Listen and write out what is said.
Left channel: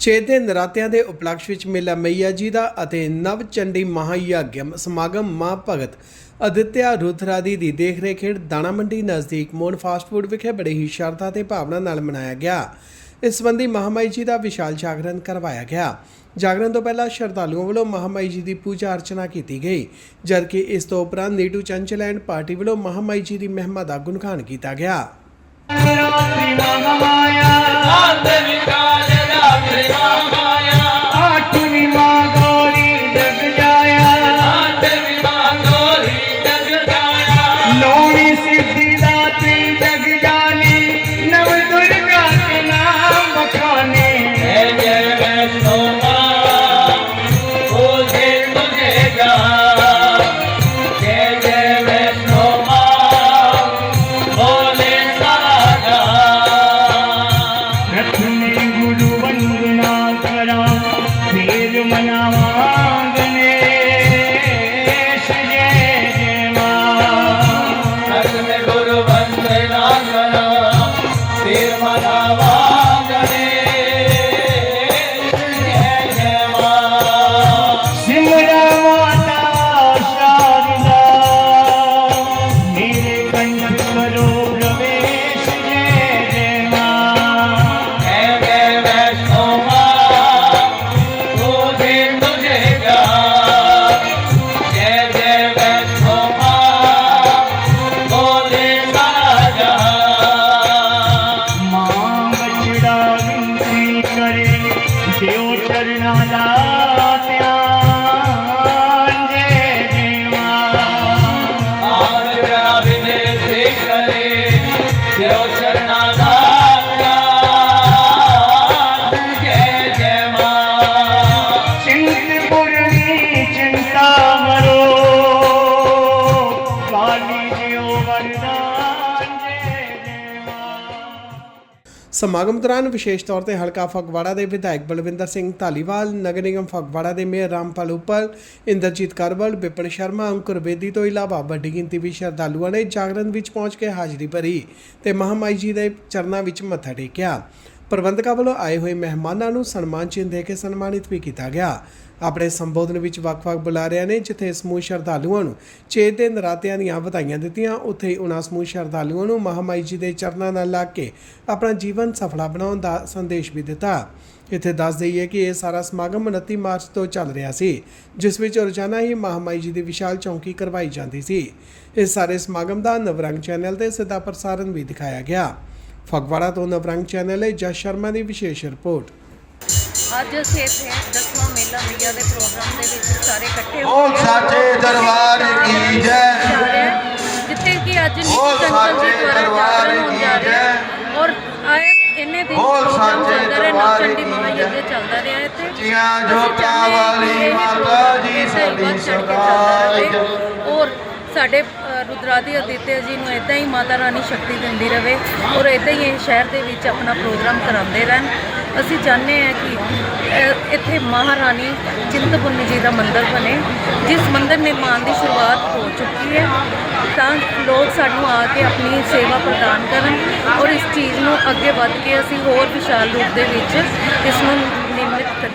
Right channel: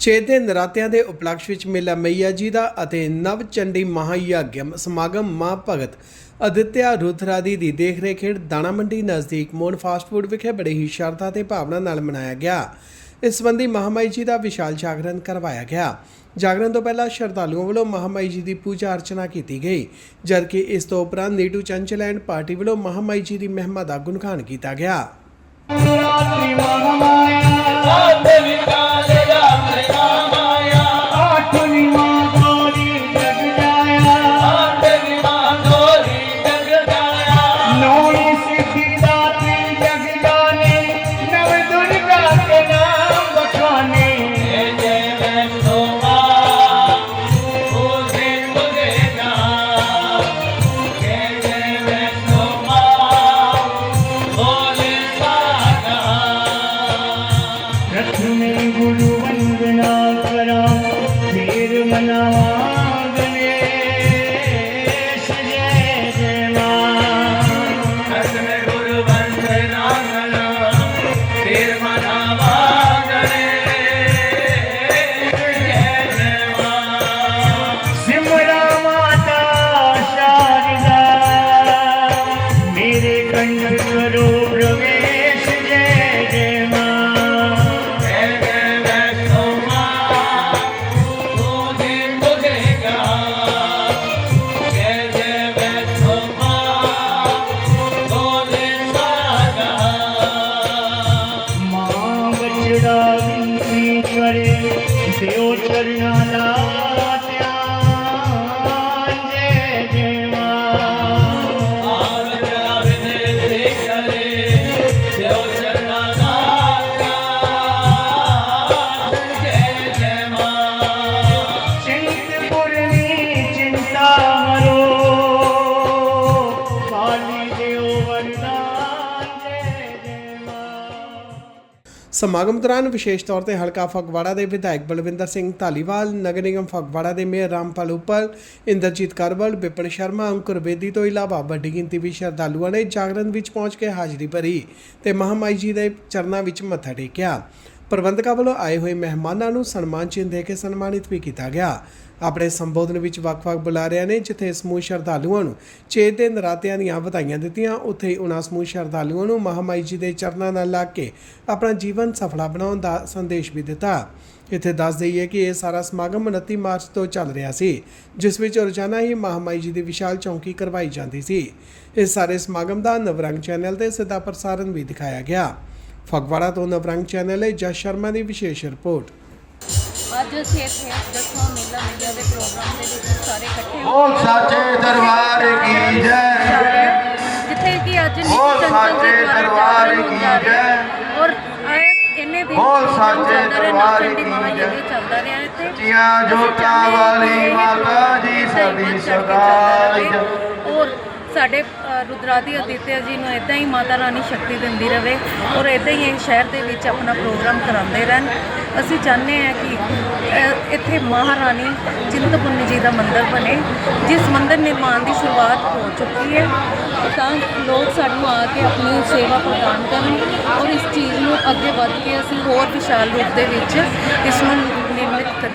ਛੇ ਦੇ ਨਰਾਤਿਆਂ ਦੇ ਉਪਲਕਸ਼ ਵਿੱਚ ਮੇਲਾ ਮਈਆ ਜੀ ਦਾ ਅਤੇ ਨਵ ਚੰਡੀ ਮਹਾਯਗਮ ਸਮਾਗਮ ਮਾਂ ਭਗਤ ਅਦਿੱਤਿਆ ਰੁਦਰਾਦੀ ਦੀ ਦੇਖਰੇਖ ਹੇਠ ਦਾਣਾ ਮੰਡੀ ਨਜ਼ਦੀਕ ਮੋਨ ਫਾਸਟ ਫੂਡ ਵਿਖੇ ਬੜੇ ਹੀ ਸ਼ਰਧਾ ਤੇ ਭਾਵਨਾ ਨਾਲ ਮਨਾਇਆ ਗਿਆ। ਇਸ ਸੰਬੰਧੀ ਮਹਾਮਾਈ ਜੀ ਦਾ ਵਿਸ਼ਾਲ ਜਾਗਰਣ ਕਰਵਾਇਆ ਗਿਆ। ਜਾਗਰਣ ਤੋਂ ਪਹਿਲਾਂ ਸ਼ਰਧਾਲੂਆਂ ਵੱਲੋਂ ਮਹਾਮਾਈ ਜੀ ਦੀ ਪੂਜਾ ਅਰਚਨਾ ਕੀਤੀ ਗਈ, ਜਦਕਿ ਇਸ ਤੋਂ ਉਪਰੰਤ ਨੀਟੂ ਚੰਚਲ ਐਂਡ ਪਾਰਟੀ ਵੱਲੋਂ ਮਹਾਮਾਈ ਜੀ ਦੀ ਮਹਿਮਾ ਦਾ ਗੁਣਗਾਨ ਕੀਤਾ ਗਿਆ। નિર્મળવા ગણે. Karnataka. ਸਮਾਗਮ ਦੌਰਾਨ ਵਿਸ਼ੇਸ਼ ਤੌਰ ਤੇ ਹਲਕਾ ਫਗਵਾੜਾ ਦੇ ਵਿਧਾਇਕ ਬਲਵਿੰਦਰ ਸਿੰਘ ਧਾਲੀਵਾਲ, ਨਗਰ ਨਿਗਮ ਫਗਵਾੜਾ ਦੇ ਮੇਅਰ ਰਾਮਪਾਲ ਉਪਲ, ਇੰਦਰਜੀਤ ਕਰਵਲ ਬਿਪਨ ਸ਼ਰਮਾ, ਅੰਕੁਰ ਬੇਦੀ ਤੋਂ ਇਲਾਵਾ ਵੱਡੀ ਗਿਣਤੀ ਵਿੱਚ ਸ਼ਰਧਾਲੂਆਂ ਨੇ ਜਾਗਰਣ ਵਿੱਚ ਪਹੁੰਚ ਕੇ ਹਾਜ਼ਰੀ ਭਰੀ ਤੇ ਮਹਾਮਾਈ ਜੀ ਦੇ ਚਰਨਾਂ ਵਿੱਚ ਮੱਥਾ ਟੇਕਿਆ। ਪ੍ਰਬੰਧਕਾਂ ਵੱਲੋਂ ਆਏ ਹੋਏ ਮਹਿਮਾਨਾਂ ਨੂੰ ਸਨਮਾਨ ਚਿੰਨ੍ਹ ਦੇ ਕੇ ਸਨਮਾਨਿਤ ਵੀ ਕੀਤਾ ਗਿਆ। ਆਪਣੇ ਸੰਬੋਧਨ ਵਿੱਚ ਵੱਖ-ਵੱਖ ਬੁਲਾਰਿਆਂ ਨੇ, ਜਿੱਥੇ ਸਮੂਹ ਸ਼ਰਧਾਲੂਆਂ ਨੂੰ ਚੇਤ ਦੇ ਨਰਾਤਿਆਂ ਦੀਆਂ ਵਧਾਈਆਂ ਦਿੱਤੀਆਂ, ਉੱਥੇ ਹੀ ਉਹਨਾਂ ਸਮੂਹ ਸ਼ਰਧਾਲੂਆਂ ਨੂੰ ਮਹਾਮਾਈ ਜੀ ਦੇ ਚਰਨਾਂ ਨਾਲ ਲੱਗ ਕੇ ਆਪਣਾ ਜੀਵਨ ਸਫਲਾ ਬਣਾਉਣ ਦਾ ਸੰਦੇਸ਼ ਵੀ ਦਿੱਤਾ। ਇੱਥੇ ਦੱਸ ਦਈਏ ਕਿ ਇਹ ਸਾਰਾ ਸਮਾਗਮ 29 ਮਾਰਚ ਤੋਂ ਚੱਲ ਰਿਹਾ ਸੀ, ਜਿਸ ਵਿੱਚ ਰੋਜ਼ਾਨਾ ਹੀ ਮਹਾਮਾਈ ਜੀ ਦੀ ਵਿਸ਼ਾਲ ਚੌਂਕੀ ਕਰਵਾਈ ਜਾਂਦੀ ਸੀ। ਇਸ ਸਾਰੇ ਸਮਾਗਮ ਦਾ ਨਵਰੰਗ ਚੈਨਲ ਤੇ ਸਿੱਧਾ ਪ੍ਰਸਾਰਣ ਵੀ ਦਿਖਾਇਆ ਗਿਆ। ਫਗਵਾੜਾ ਤੋਂ ਨਵਰੰਗ ਚੈਨਲ ਲਈ ਜਸ ਸ਼ਰਮਾ ਦੀ ਵਿਸ਼ੇਸ਼ ਰਿਪੋਰਟ। ਅੱਜ ਅਸੀਂ ਇੱਥੇ ਦਸਵਾਂ ਮੇਲਾ ਮਈਆ ਦੇ ਪ੍ਰੋਗਰਾਮ ਦੇ ਵਿੱਚ ਸਾਰੇ ਇਕੱਠੇ ਹੋ ਬੋਲ ਸੱਚੇ ਦਰਬਾਰ ਕੀ ਜੈ। ਜਾ ਜਿੱਥੇ ਕਿ ਅੱਜ ਨੀਤੀ ਚੰਚਲ ਜੀ ਦੁਆਰਾ ਜਾਗਰਣ ਹੋਣ ਜਾ ਰਿਹਾ ਹੈ। ਔਰ ਆਏ ਇੰਨੇ ਦਿਨ ਪ੍ਰੋਗਰਾਮ ਚੱਲਦਾ ਰਿਹਾ ਨਵਚੰਡੀ ਕੀ ਮਹਾਯੁੱਧ ਚੱਲਦਾ ਰਿਹਾ ਇੱਥੇ। ਜੀਆਂ ਅਸੀਂ ਜੋਤਾਂ ਚਾਹੁੰਦੇ ਹਾਂ ਕਿ ਵਾਲੀ ਇਹ ਮਾਤਾ ਇੱਦਾਂ ਹੀ ਵੱਧ ਚੜ੍ਹ ਕੇ ਚੱਲਦਾ ਰਹੇ। ਔਰ ਸਾਡੇ ਰੁਦਰਾਦੀ ਅਦਿੱਤਿਆ ਜੀ ਨੂੰ ਇਦਾਂ ਹੀ ਮਾਤਾ ਰਾਣੀ ਸ਼ਕਤੀ ਦਿੰਦੀ ਰਵੇ ਔਰ ਇਦਾਂ ਹੀ ਇਹ ਸ਼ਹਿਰ ਦੇ ਵਿੱਚ ਆਪਣਾ ਪ੍ਰੋਗਰਾਮ ਕਰਾਉਂਦੇ ਰਹਿਣ। ਅਸੀਂ ਚਾਹੁੰਦੇ ਹਾਂ ਕਿ ਇੱਥੇ ਮਹਾਰਾਣੀ ਚਿੰਤਪੁਰਨੀ ਜੀ ਦਾ ਮੰਦਿਰ ਬਣੇ ਜਿਸ ਮੰਦਿਰ ਨਿਰਮਾਣ ਦੀ ਸ਼ੁਰੂਆਤ ਹੋ ਚੁੱਕੀ ਹੈ। ਤਾਂ ਲੋਕ ਸਾਨੂੰ ਆ ਕੇ ਆਪਣੀ ਸੇਵਾ ਪ੍ਰਦਾਨ ਕਰਨ ਔਰ ਇਸ ਚੀਜ਼ ਨੂੰ ਅੱਗੇ ਵੱਧ ਕੇ ਅਸੀਂ ਹੋਰ ਵਿਸ਼ਾਲ ਰੂਪ ਦੇ ਵਿੱਚ ਇਸ ਨੂੰ ਨਿਰਮਿਤ ਕਰ